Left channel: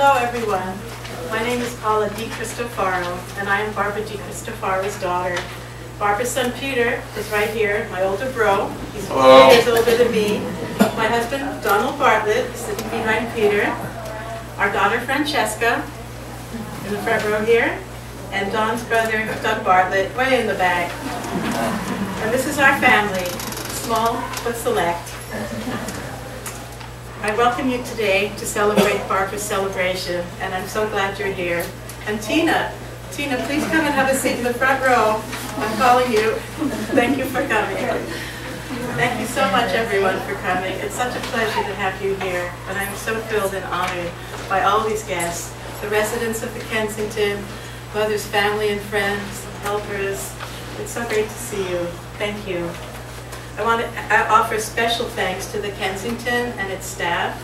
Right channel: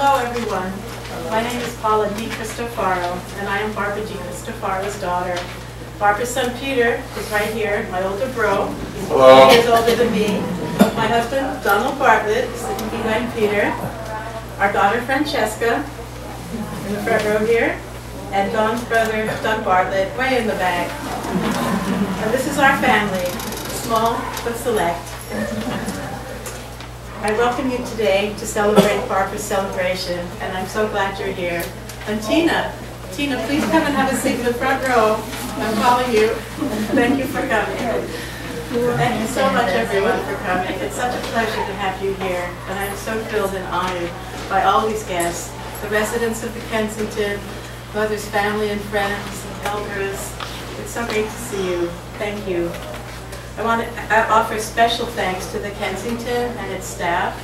Hello everyone. My name is Paula DeCristofaro, and I am Barbara DeCristofaro's daughter. Barbara's son Peter is right here, my older bro. He's 4 years older than me. My husband Donald Bartlett, sitting behind Peter. Our daughter Francesca, in the front row here. And Don's brother Doug Bartlett, way in the back. And this is our family, small but select. I welcome you today to celebrate Barbara's celebration, and I'm so glad you're here. And Tina, please come and have a seat in the front row. I'm calling you. Thank you for coming. Thank you so much, everyone, for coming. It's such a pleasure to have you here, and I am so thrilled and honored by all these guests, the residents of the Kensington, Mother's family and friends, helpers. It's so great to see you. Thank you. I want to offer special thanks to the Kensington and its staff.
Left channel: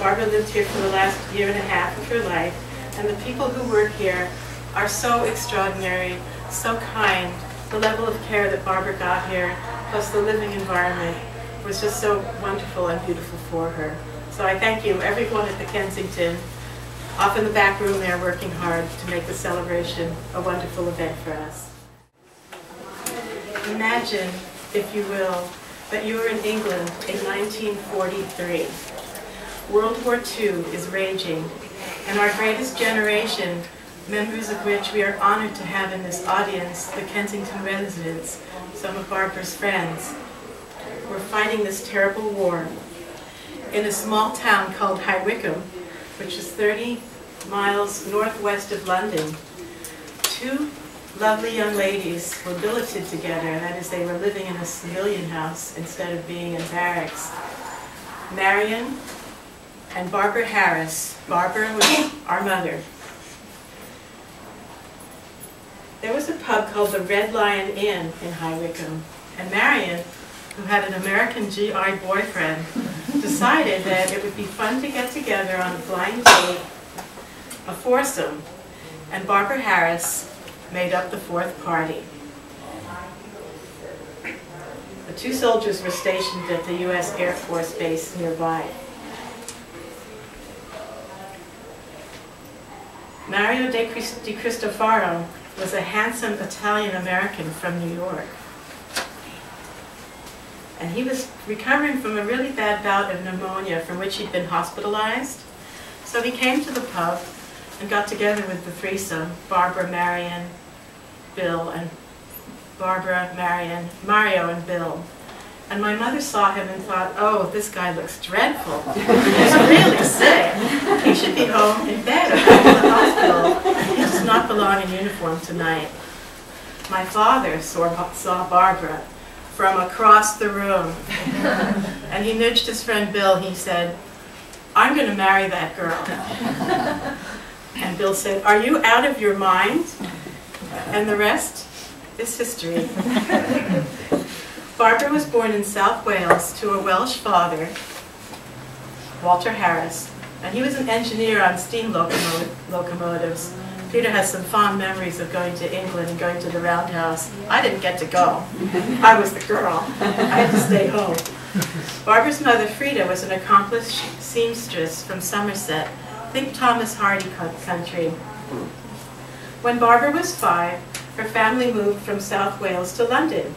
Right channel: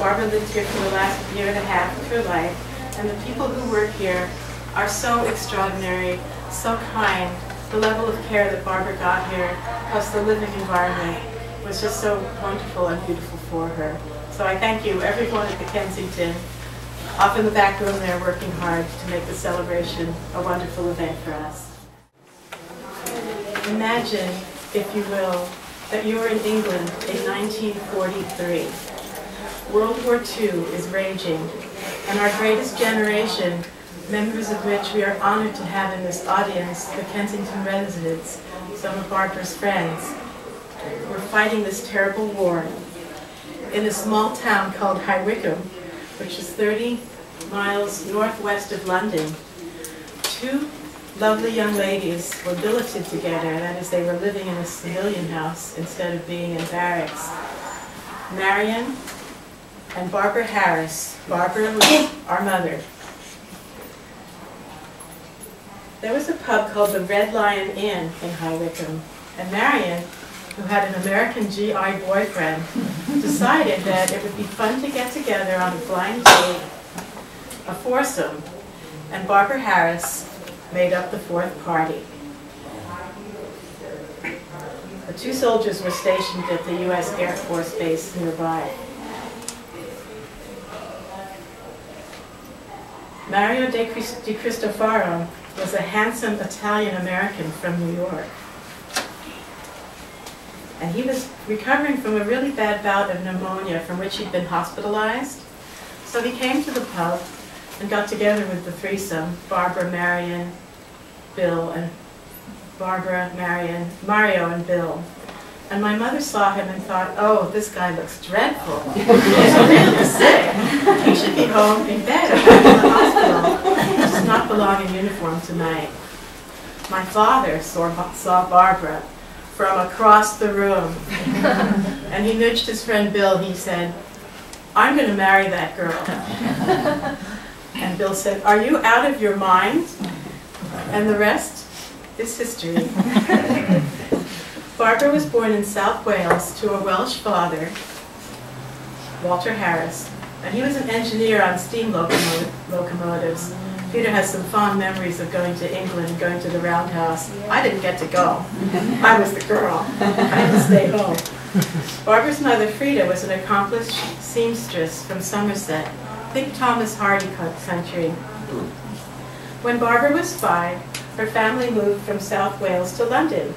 Barbara lived here for the last year and a half of her life, and the people who work here are so extraordinary, so kind. The level of care that Barbara got here, plus the living environment, was just so wonderful and beautiful for her. So I thank you, everyone at the Kensington, off in the back room there working hard to make the celebration a wonderful event for us. Imagine, if you will, that you are in England in 1943. World War II is raging, and our greatest generation, members of which we are honored to have in this audience, the Kensington residents, some of Barbara's friends, were fighting this terrible war in a small town called High Wycombe, which is 30 miles northwest of London. Two lovely young ladies were billeted together, that is, they were living in a civilian house instead of being in barracks. Marion and Barbara Harris. Barbara was our mother. There was a pub called the Red Lion Inn in High Wycombe, and Marion, who had an American GI boyfriend, decided that it would be fun to get together on a blind date, a foursome, and Barbara Harris made up the fourth party. The two soldiers were stationed at the U.S. Air Force Base nearby. Mario DeCristofaro was a handsome Italian-American from New York. And he was recovering from a really bad bout of pneumonia from which he'd been hospitalized. So he came to the pub and got together with the threesome, Barbara, Marion, Bill, and Barbara, Marion, Mario, and Bill. And my mother saw him and thought, oh, this guy looks dreadful. He's really sick. He should be home in bed or back in the hospital. He does not belong in uniform tonight. My father saw Barbara from across the room. And he nudged his friend Bill. He said, I'm going to marry that girl. And Bill said, are you out of your mind? And the rest is history. Barbara was born in South Wales to a Welsh father, Walter Harris, and he was an engineer on steam locomotives. Peter has some fond memories of going to England and going to the Roundhouse. I didn't get to go. I was the girl. I had to stay home. Barbara's mother, Frida, was an accomplished seamstress from Somerset. Think Thomas Hardy country. When Barbara was 5, her family moved from South Wales to London.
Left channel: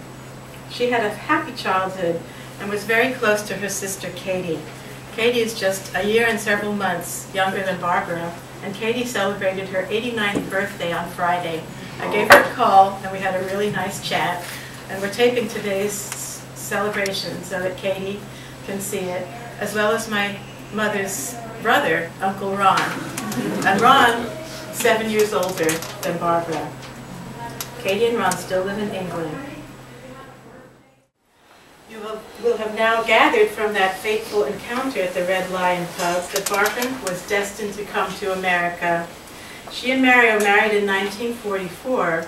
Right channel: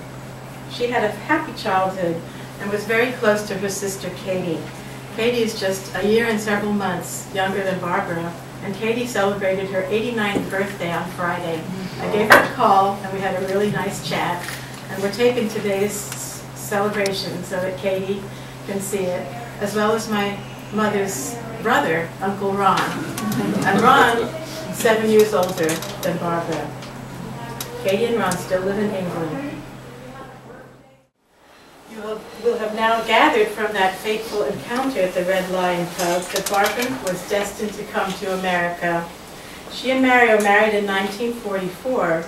She had a happy childhood and was very close to her sister Katie. Katie is just a year and several months younger than Barbara, and Katie celebrated her 89th birthday on Friday. I gave her a call and we had a really nice chat, and we're taping today's celebration so that Katie can see it, as well as my mother's brother, Uncle Ron. And Ron, 7 years older than Barbara. Katie and Ron still live in England. You will have now gathered from that fateful encounter at the Red Lion pub that Barbara was destined to come to America. She and Mario married in 1944,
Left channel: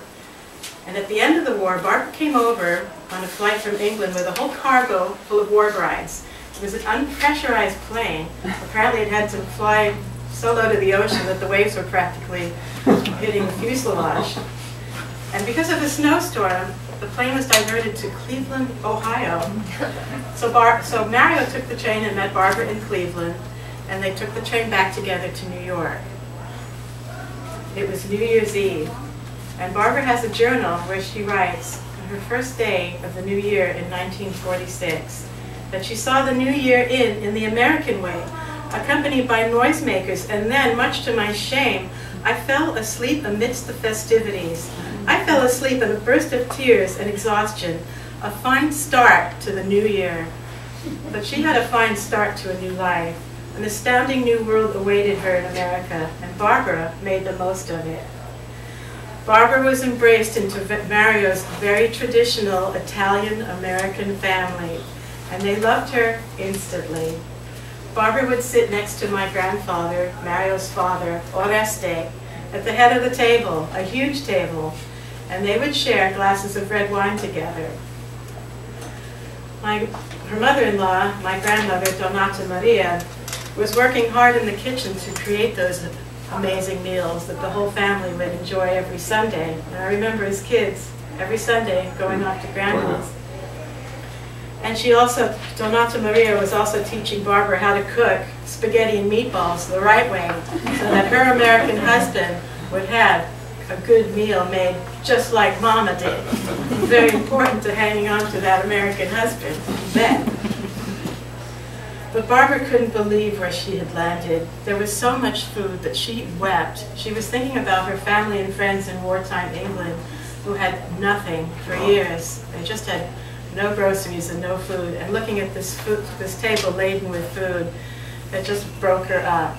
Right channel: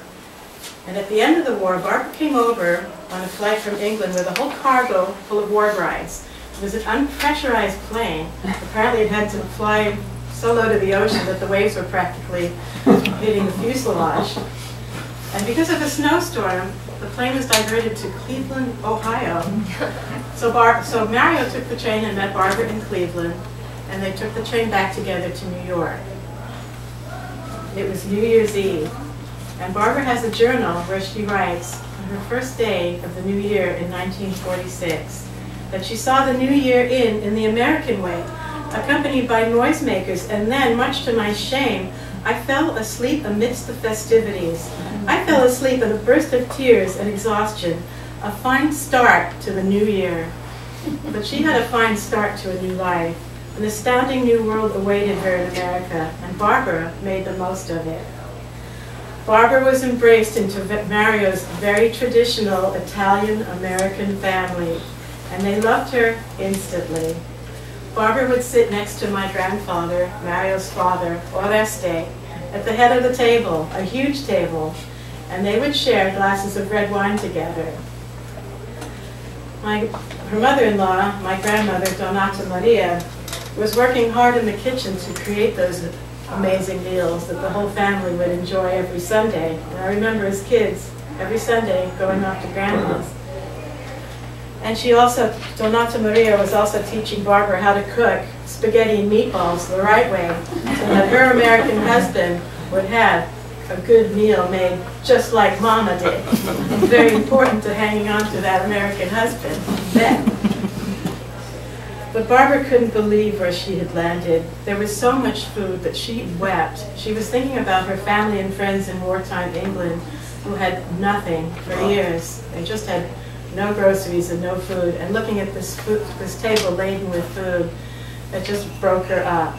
and at the end of the war, Barbara came over on a flight from England with a whole cargo full of war brides. It was an unpressurized plane. Apparently it had to fly so low to the ocean that the waves were practically hitting the fuselage. And because of a snowstorm, the plane was diverted to Cleveland, Ohio. So Mario took the train and met Barbara in Cleveland, and they took the train back together to New York. It was New Year's Eve, and Barbara has a journal where she writes on her first day of the new year in 1946 that she saw the new year in the American way, accompanied by noisemakers, and then, much to my shame, I fell asleep amidst the festivities. I fell asleep in a burst of tears and exhaustion, a fine start to the new year. But she had a fine start to a new life. An astounding new world awaited her in America, and Barbara made the most of it. Barbara was embraced into Mario's very traditional Italian-American family, and they loved her instantly. Barbara would sit next to my grandfather, Mario's father, Oreste, at the head of the table, a huge table, and they would share glasses of red wine together. Her mother-in-law, my grandmother, Donata Maria, was working hard in the kitchen to create those amazing meals that the whole family would enjoy every Sunday. And I remember as kids, every Sunday, going off to grandma's. And she also, Donata Maria was also teaching Barbara how to cook spaghetti and meatballs the right way, so that her American husband would have a good meal made just like Mama did. Very important to hanging on to that American husband, then. But Barbara couldn't believe where she had landed. There was so much food that she wept. She was thinking about her family and friends in wartime England who had nothing for years. They just had no groceries and no food. And looking at this table laden with food, it just broke her up.